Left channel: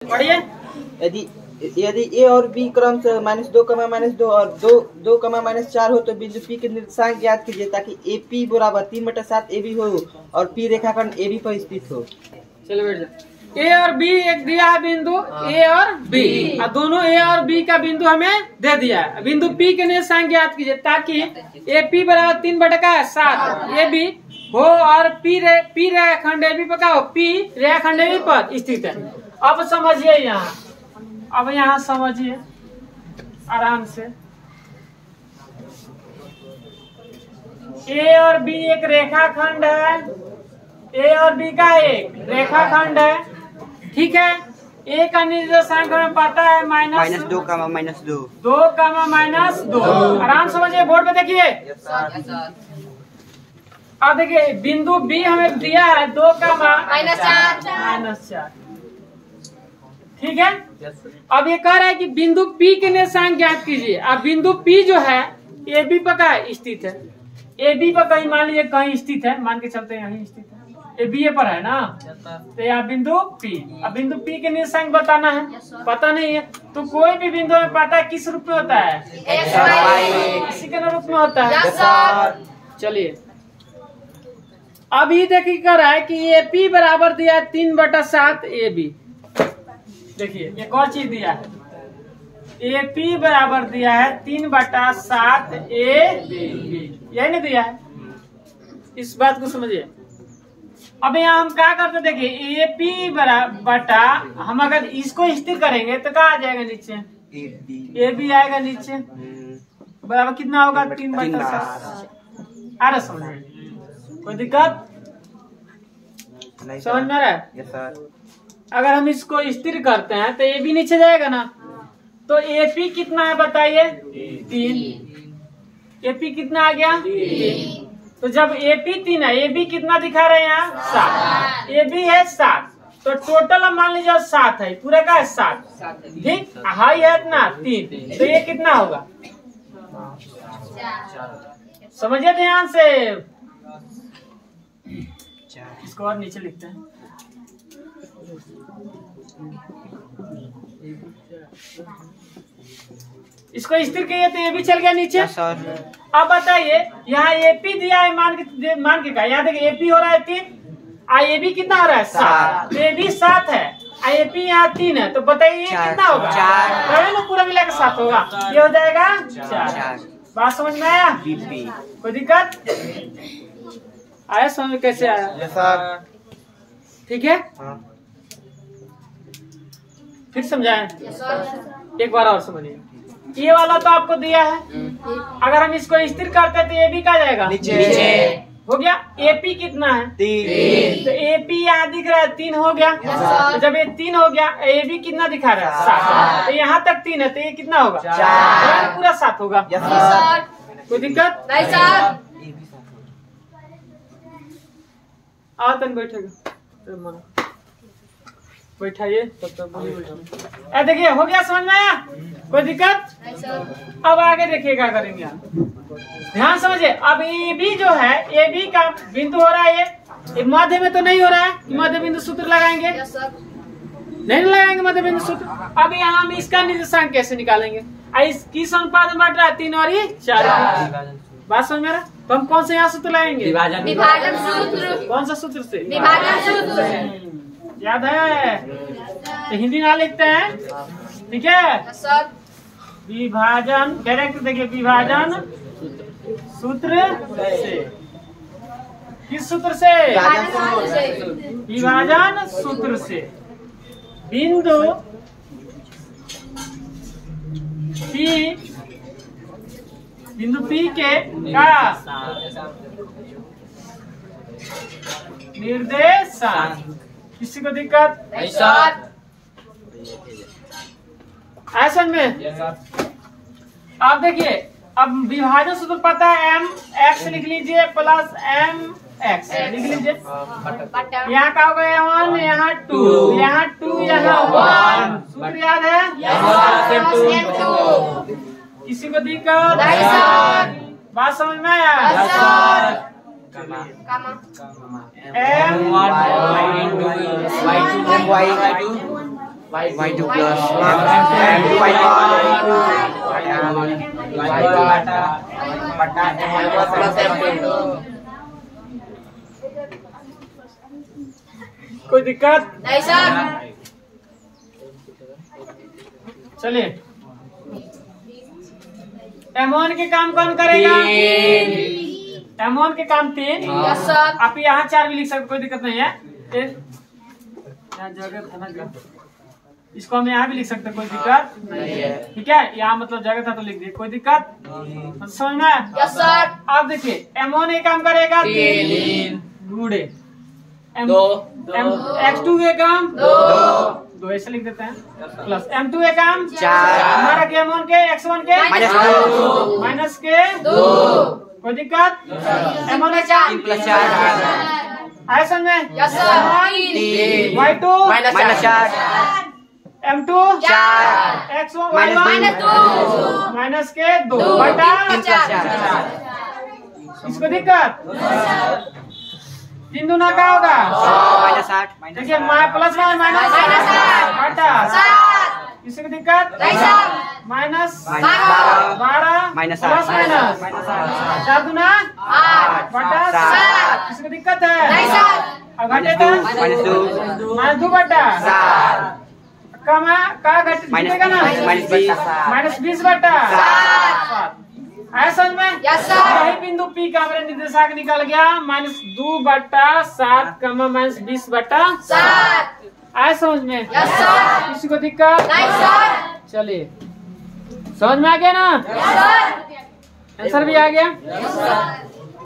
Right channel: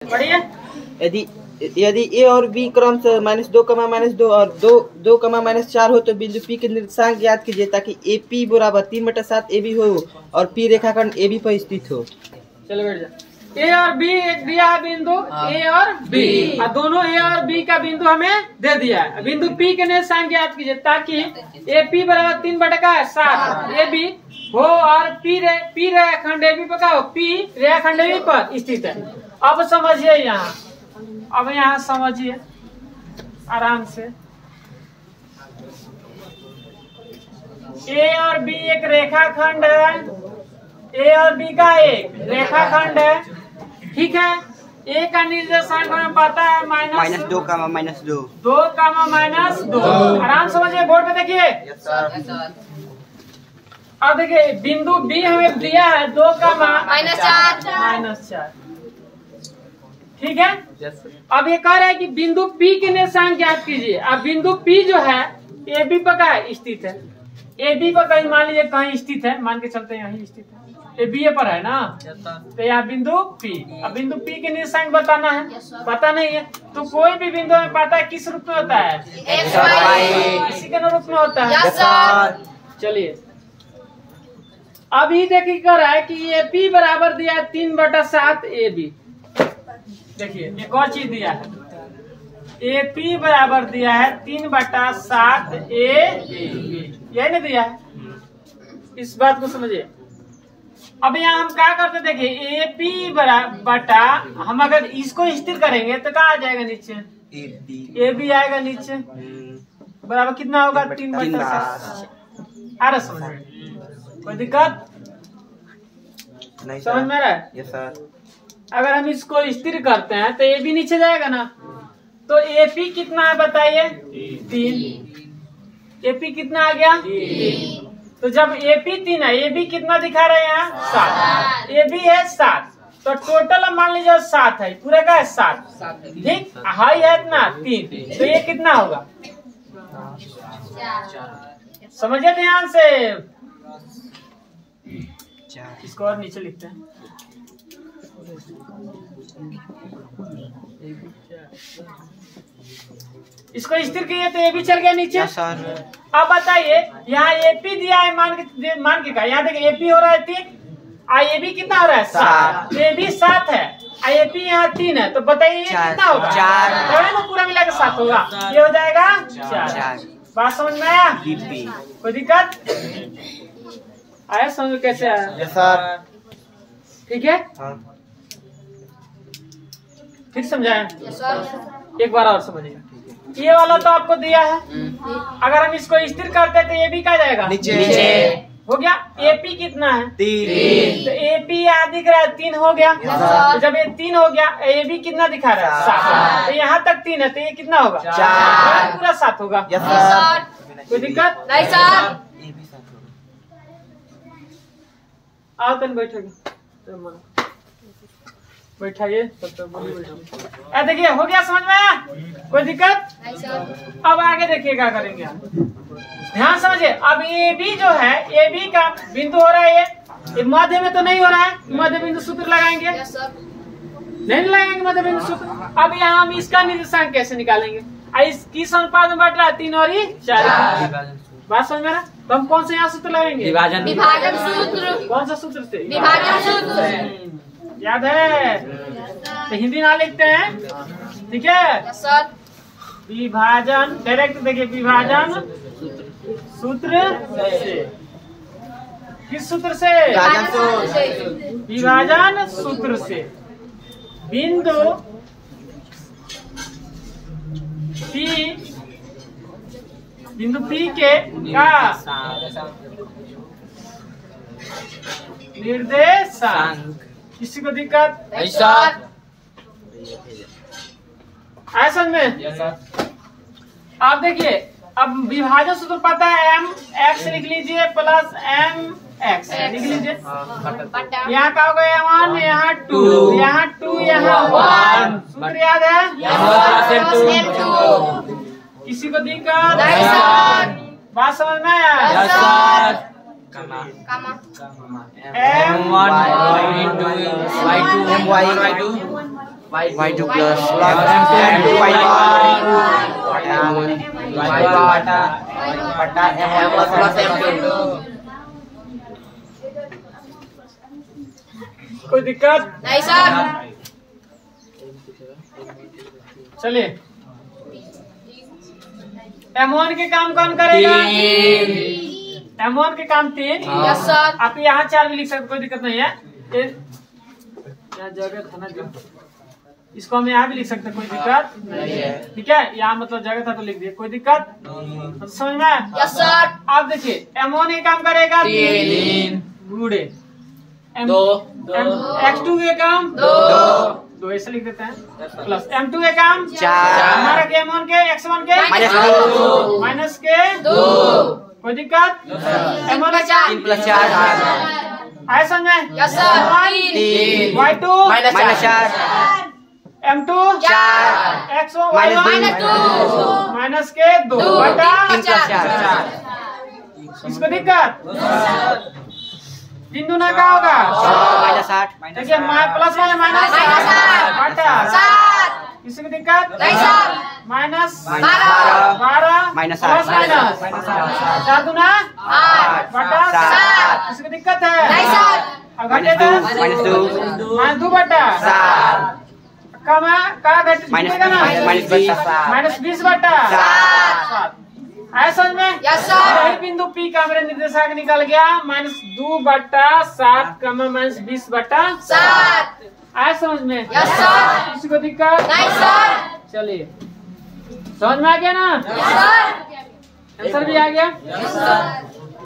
पढ़िए। यदि यदि ए और बी क्रम से -2, और 2, -4 हो तो बिंदु पी के निर्देशांक ज्ञात कीजिए ताकि ए पी बराबर 3/7 ए बी हो और पी रेखाखंड ए बी पर स्थित हो। चलो बैठ जा। ए और बी एक दिया है बिंदु ए और बी, और दोनों ए और बी का बिंदु हमें दे दिया है। बिंदु पी के निर्देशांक ज्ञात कीजिए ताकि ए पी बराबर 3/7 ए बी हो और पी रेखाखंड ए बी पर क्या हो, पी रेखाखंड ए बी पर स्थित है। अब समझिए यहाँ, अब यहाँ समझिए आराम से। ए और बी एक रेखाखंड है, ए और बी का एक रेखाखंड है, ठीक है। ए का निर्देशांक हमें पता है -2, -2, -2। आराम समझिए, बोर्ड पे देखिए। अब देखिए बिंदु बी हमें दिया है 2, -4, ठीक है। अब ये कह रहा है कि बिंदु P के निर्देशांक ज्ञात कीजिए। अब बिंदु P जो है ए बी पर क्या स्थित है, ए बी पर कहीं मान लीजिए कहीं स्थित है, मान के चलते हैं यहीं स्थित है, ए बी ए पर है ना, तो यहाँ बिंदु P। अब बिंदु P के निर्देशांक बताना है, पता नहीं है तो कोई भी बिंदु में पता है किस रूप में होता है, इसी के रूप में होता है। चलिए अभी देखिए कर रहा है कि ए पी बराबर दिया है 3/7 ए बी। देखिए एक और चीज दिया है, ए पी बराबर दिया है 3/7 ए बी, यही नहीं दिया है, इस बात को समझिए। अब यहाँ हम क्या करते, देखिए ए पी बटा, हम अगर इसको स्थिर करेंगे तो क्या आ जाएगा नीचे, ए बी आएगा नीचे, बराबर कितना होगा 3/7। आ रहा समझ में, कोई दिक्कत नहीं, समझ में आ रहा है? Yes sir. अगर हम इसको स्थिर करते हैं तो ए बी नीचे जाएगा ना, तो ए पी कितना है बताइए, 3। ए पी कितना आ गया, 3। तो जब ए पी 3 है, ए बी कितना दिखा रहे हैं यहाँ, 7। ए बी है 7, तो टोटल मान लीजिए 7 है, पूरा का है 7, ठीक। हाई है इतना 3, तो ये कितना होगा, समझिए ध्यान से। इसको और नीचे लिखते हैं, इसको स्थिर किए तो ये भी चल गया नीचे। अब बताइए यहाँ एपी दिया है, मान के का, यहाँ देखिए एपी हो रहा है 3, आ ए बी कितना हो रहा है 7, तो ए बी 7 है, आ ए पी यहाँ 3 है, तो बताइए कितना होगा, 4 पूरा मिला के 7 होगा, ये हो जाएगा 4। बात समझ में आया, कोई दिक्कत आया, समझ में कैसे आया? Yes sir. ठीक है, फिर समझाएं, एक बार और समझिएगा। ये वाला तो आपको दिया है, अगर हम इसको स्थिर करते तो ए बी क्या जाएगा, नीचे हो गया। एपी कितना है, 3, तो एपी यहाँ दिख रहा है 3 हो गया, तो जब ये 3 हो गया, ए बी कितना दिखा रहा है 7, तो यहाँ तक 3 है, तो ये कितना होगा 4, पूरा 7 होगा। कोई दिक्कत नहीं सर, आओ तन बैठेगा, बैठाइए तब तक। देखिए हो गया, समझ में आया, कोई दिक्कत? अब आगे देखिए क्या करेंगे हम, ध्यान समझिए। अब ए बी जो है, ए बी का बिंदु हो रहा है ये मध्य में तो नहीं हो रहा है, मध्य बिंदु सूत्र लगाएंगे, नहीं लगाएंगे मध्य बिंदु सूत्र। अब यहाँ हम इसका निर्देशांक कैसे निकालेंगे, किस अनुपात में बढ़ रहा है, 3 और 4। बात समझ में आ रहा? तो हम कौन से यहाँ सूत्र लगाएंगे, विभाजन सूत्र। कौन सा सूत्र से, विभाजन सूत्र, याद है? तो हिंदी ना लिखते हैं, ठीक है सर। विभाजन डायरेक्ट देखिए, विभाजन सूत्र से, किस सूत्र से, विभाजन सूत्र से बिंदु P के का निर्देशांक, किसी को दिक्कत नहीं सर, ऐसा में। आप देखिए अब विभाजन सूत्र पता है, एम एक्स लिख लीजिए प्लस एम एक्स लिख लीजिए, यहाँ का होगा 1, यहाँ 2, यहाँ 2, यहाँ 1, सूत्र याद है? किसी को दिक्कत नहीं सर, बात समझ में आया? M1 into y2 y2 plus कोई दिक्कत नहीं सर। चलिए M1 के काम कौन करेगा? M1 के काम 3। Yes sir. आप यहाँ 4 भी लिख सकते, कोई दिक्कत नहीं है। यहाँ जगह था ना, इसको हम यहाँ भी लिख सकते, कोई दिक्कत ठीक है। यहाँ मतलब जगह था तो लिख दिए, कोई दिक्कत समझ में? Yes sir. अब देखिए M1 ये काम करेगा 3 गुणे X2 के काम 2 ऐसे लिख देते हैं, प्लस M2 के काम 4 हमारा के M1 के X1 के माइनस के 2। कोई दिक्कत? M1 के 4 प्लस 4 आए समझ में? Yes sir. Y2 minus 4 M2 4 X1 minus minus के 2 बटा 4। इसको दिक्कत? बिंदु ना क्या होगा? माइनस 8 देखिए प्लस माइनस बटा 7। इसको दिक्कत? माइनस 12 माइनस प्लस माइनस 4 दूना 8 बटा 7। इसको दिक्कत है? अब घटेगा माइनस 2 बटा 7 का घटेगा ना माइनस 20 बटा 7। आया समझ में? Yes sir. वही बिंदु P का मेरे निर्देशांक निकल गया -2 बटा 7 माइनस 20 बटा 7। आया समझ में? Yes sir. किसी को दिक्कत नहीं सर। चलिए समझ में आ गया ना? Yes sir. आंसर भी आ गया। Yes sir.